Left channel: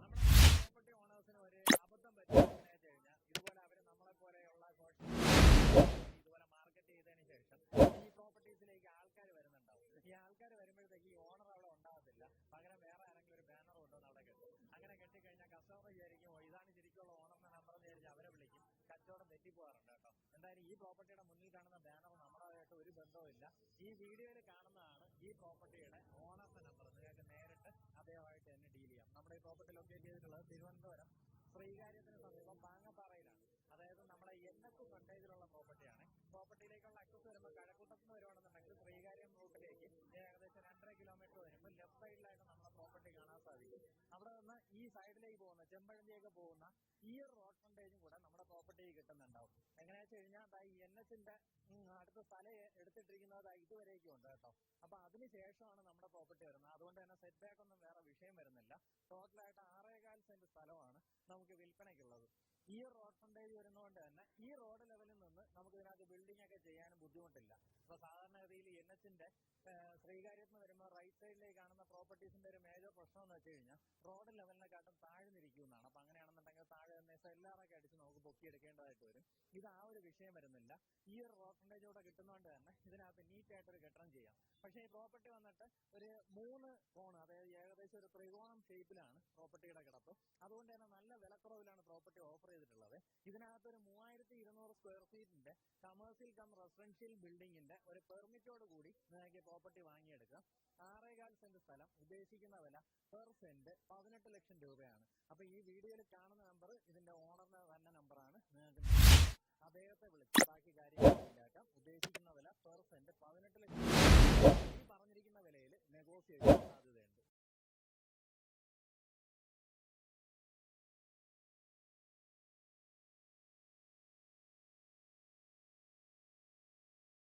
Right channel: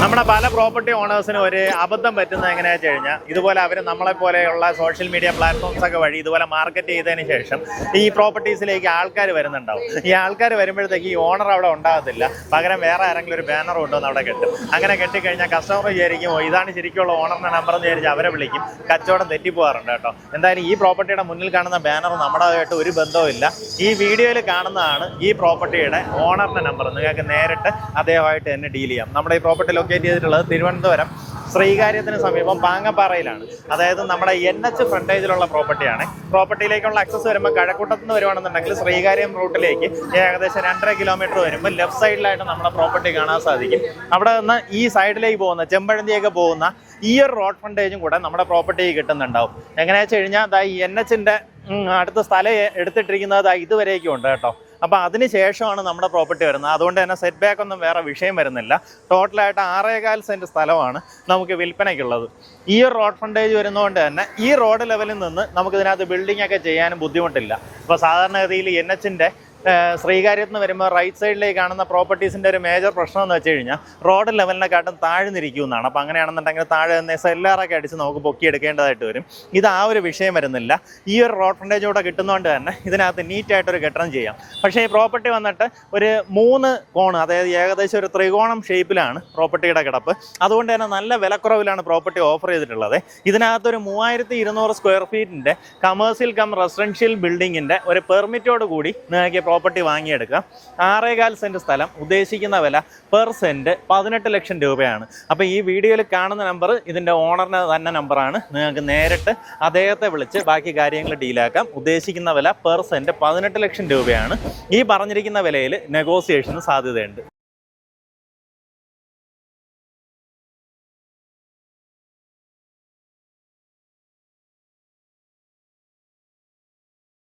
നമ്മുടെ പല പ്രോപ്പർട്ടി ഓണേഴ്സിനും ഒരു അബദ്ധം പറ്റുന്നത് എങ്ങനെയാണെന്ന് വെച്ച് കഴിഞ്ഞാൽ ഇതുപോലെ അവർ നമ്മളെപ്പോലെയുള്ള സോഷ്യൽ മീഡിയ പ്ലാറ്റ്ഫോംസ് ഒക്കെ വഴി ഇതുപോലെ മാർക്കറ്റ് ചെയ്തതിന് ശേഷം ഈ പ്രോപ്പർട്ടീസിലേക്ക് ആൾക്കാർ വരുന്നുണ്ടാവും. ഈ ആൾക്കാർ വരുമ്പോഴത്തേക്ക് ഈ ഓണർ അവിടെ ഉണ്ടാകത്തില്ല, പകരം വേറെ ആരെങ്കിലും ഒരു ബാനർ കൊണ്ടുവന്ന് അവിടെ കെട്ടും. അങ്ങനെ കെട്ടിക്കഴിഞ്ഞാൽ കസ്റ്റമർ വിചാരിക്കും ഇതാണ് ശരിക്കുള്ള ഓണറിൻ്റെ നമ്പർ എന്ന് വിചാരിച്ച് അവരെ വിളിക്കും. കച്ചവടം തെറ്റിപ്പോകാറുണ്ട് കേട്ടോ. എന്തായാലും ഈ പ്രോപ്പർട്ടിയുടെ മുന്നിൽ കാണുന്ന ബാനർ നമ്മുടെതായിട്ട് ഒരു ബന്ധവുമില്ല. ഈ വീഡിയോയിൽ കാണുന്നതാണ് ഈ പ്രോപ്പർട്ടിയുടെ ഓണറിൻ്റെ നമ്പർ. നിങ്ങൾക്ക് നേരിട്ട് അദ്ദേഹമായിട്ട് തന്നെ ഡീൽ ചെയ്യാം. നമ്മുടെ ഈ പ്രോപ്പർട്ടി ലൊക്കേറ്റ് ചെയ്തിട്ടുള്ളത് തിരുവനന്തപുരം ശ്രീകാര്യത്തിന് സമീപം പാങ്ങപ്പാറയിലാണ്. അതായത് നമ്മുടെ NH ഫ്രണ്ടേജിലുള്ള പ്രോപ്പർട്ടിയാണ്. പ്രോപ്പർട്ടിയിലേക്കുള്ള ആക്സസ് വരുമ്പോൾ കഴക്കൂട്ടത്ത് നിന്ന് വരുവാണെന്നുണ്ടെങ്കിൽ ശ്രീകാര്യം റൂട്ടിലേക്ക് ഏകദേശം 2.5 കിലോമീറ്റർ വരുമ്പോൾ ലെഫ്റ്റ് സൈഡിലായിട്ട് നമ്മുടെ പ്രോപ്പർട്ടി കാണാൻ സാധിക്കും. അവിടെ നിന്ന് ഈ സൈഡിലേക്ക് പോകുന്ന ചെമ്പഴന്തിയൊക്കെ പോകുന്ന ഈ ഒരു റോഡ് ഫ്രണ്ടേജും കൂടെ നമ്മുടെ പ്രോപ്പർട്ടി കിട്ടുന്നുണ്ടാവും. എങ്ങനെയാ വെച്ച് കഴിഞ്ഞാൽ ഈ NHന്റെ അടുത്ത സ്ഥലം എടുത്തിട്ടിരിക്കുന്നത് ഇതുവരേക്കും ഉണ്ട് കേട്ടോ. അപ്പോൾ അതിന് ശേഷമാണ് നമ്മുടെ പ്രോപ്പർട്ടി വരുന്നത്. അതുകൊണ്ട് തന്നെ സെറ്റ് ബാക്ക് ഒന്നും വേറെ വിഷയം വരുന്നില്ല. ടോട്ടലായിട്ട് 6.25 സെൻറ്റ് സ്ഥലമാണ് നമുക്ക് വിൽപ്പനയ്ക്കുള്ളത്. ഈ ഒരു റോഡ് ഫ്രണ്ടേജ് വരുന്നതുകൊണ്ട് തന്നെ ഈ റോഡ് ലെവലിൽ നിന്ന് നമുക്കിതിനകത്ത് ബിൽഡിംഗ് ഒക്കെ ചെയ്യാനും ബുദ്ധിമുട്ടില്ല. അപ്പോൾ സാധാരണഗതിയിൽ NHന്റെ ശ്രീകാര്യത്ത് നിന്ന് വരുമ്പോൾ റൈറ്റ് സൈഡിലേക്ക് കാണുന്ന പ്രോപ്പർട്ടീസിൻ്റെ ഒരു മേജർ പ്രശ്നം എന്ന് വെച്ച് കഴിഞ്ഞാൽ റോഡ് ലെവലിനെക്കാട്ടും താഴ്ന്നിരിക്കുന്നതാണ്. അപ്പോൾ അങ്ങനെയാണെന്നുണ്ടെങ്കിൽ താഴെ നിന്ന് സെല്ലാറൊക്കെ അടിച്ച് നമുക്ക് പൊക്കിയെടുക്കേണ്ടതായിട്ട് വരും. ഇത് ആ ഒരു വിഷയം വരുന്നില്ല. ഈ ഒരു റോഡ് ഫ്രണ്ടേജ് കൂടെ കിട്ടുന്നതുകൊണ്ട് തന്നെ ഇതിനകത്ത് നീറ്റായിട്ടൊരു കെട്ടണം ചെയ്യാം. പക്ഷേ ഈ പ്രോപ്പർട്ടി വന്നിട്ട് ഒരു 3 കോണ്, അതായത് ഏകദേശം ഒരു ത്രികോണം ഷേപ്പിലാണ് പ്രോപ്പർട്ടിയുടെ കിടപ്പ്. അതുകൊണ്ട് തന്നെ നല്ല വിലക്കുറവിലാണ് പ്രോപ്പർട്ടി ഓഫർ ചെയ്തിട്ടുള്ളത്. ഇതിനകത്തൊരു 3200 സ്ക്വയർ ഫീറ്റിൻ്റെ കമേഴ്സ്യൽ കം റെസിഡൻഷ്യൽ ബിൽഡിങ്ങിൻ്റെ ഒരു പെർമിറ്റോട് കൂടി നിങ്ങൾക്ക് പ്രോപ്പർട്ടി വാങ്ങിയെടുക്കാം. 6.25 സെൻറ്റ് സ്ഥലം, ഉദ്ദേശിക്കുന്ന വില പെർ സെൻറ്റ് 18 ലക്ഷം രൂപയാണ്. അപ്പോൾ ഈ വീഡിയോയിൽ കാണുന്ന നമ്പർ ഇതിൻ്റെ ഓണറിൻ്റെ തന്നെ നമ്പറാണ്. നിങ്ങൾക്ക് നേരിട്ട് അദ്ദേഹത്തെ വിളിച്ച് ബാക്കി കാര്യങ്ങൾ ഡീലാക്കാം. ഉദ്ദേശിക്കുന്ന വില പെർ സെൻറ്റ് 18 ലക്ഷം രൂപയാണ്. ഈ പറഞ്ഞിരിക്കുന്ന വിലയിൽ നെഗോസിയേഷന് സാധ്യതയുണ്ട്.